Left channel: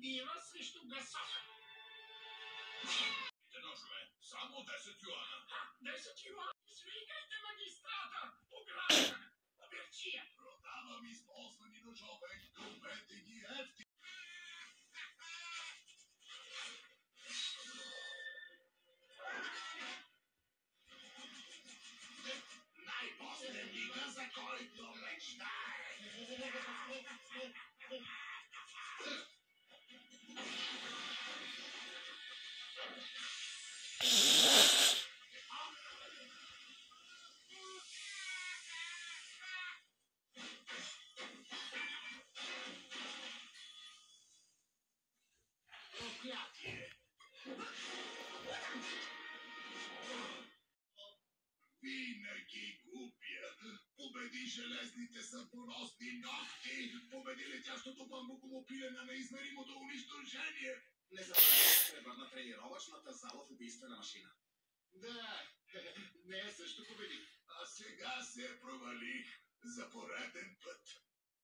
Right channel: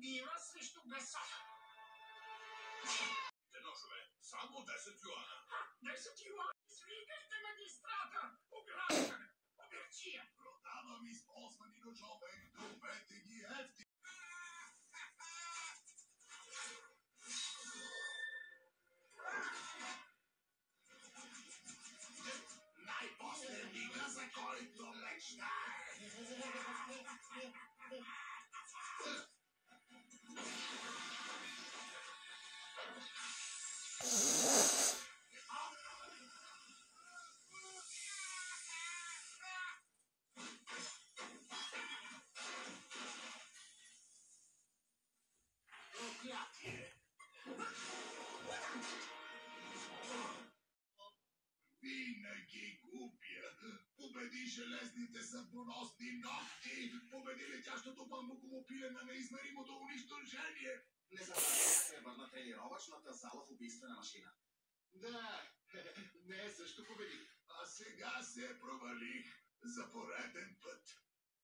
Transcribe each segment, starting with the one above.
дива срещу гасота. Ножове, само 10 юана. 10 юана? Свикайте магистрата! Ограждане! Оберчия! Продавам използвани ножове. Купете ги ефти. Най-после мига, за който мечтае. Проклятие! Винаги губя. Победи железните съдбоносни ногти. Победи летящото бамбуково пиле на неизмеримото унищожение. Не забравяй да превърна тренировъчната зала в убийствена машина. Да, не също победи. А сега се провалих за пореден път.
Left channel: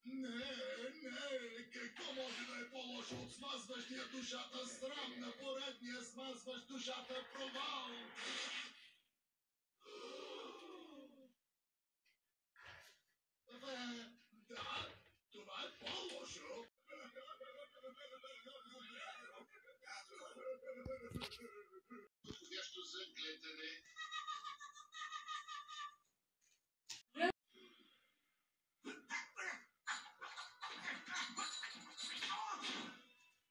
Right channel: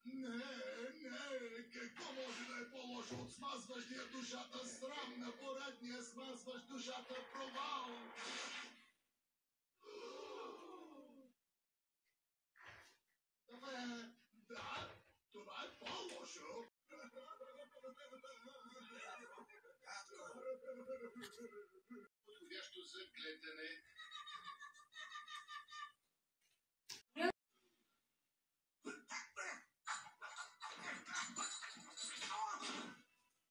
Не, какво може да е по-лошо от смазващия душата срам на поредния смазващ душата провал? Да, това е по-лошо. Подходящо за гледане.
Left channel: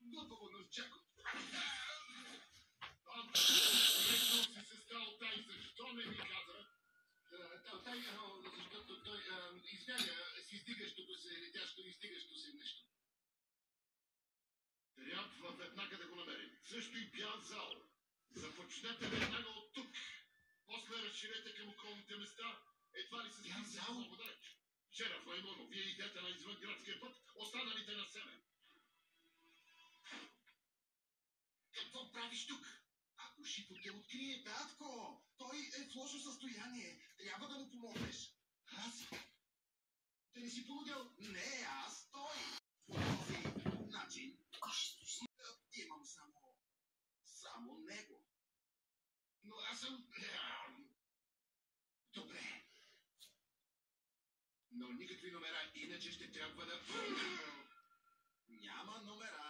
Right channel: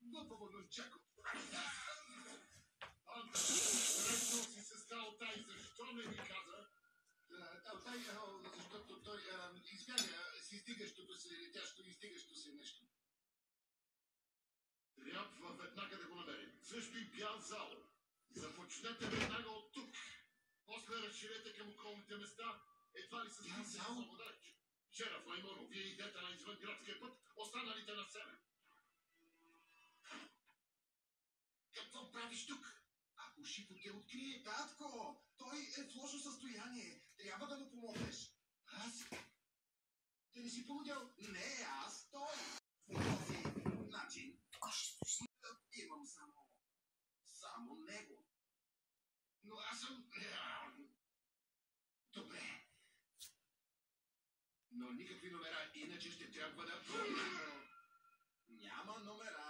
Готово, Носчако. Срещнал си се с Талтай, защо не ми каза? Талтай, защото той избяга с издигащото се, летящо издигащо се нещо. Трябва веднага да го намерим. Също и бял зал. Започнете веднага от тук. После разширете към околните места. Едва ли се стигнете много далеч. Шераф Маймоно, вие идете на извънградския път, останалите на север. Какво правиш тук? Ако Шипо те открие, татко, той е в лошо състояние. Трябва да му помогнеш. Аз? Да не си полудял? Не, аз, той. По този начин. Имам само него. Но аз съм... Добре. Но никакви номера, иначе ще трябва да... Няма номера.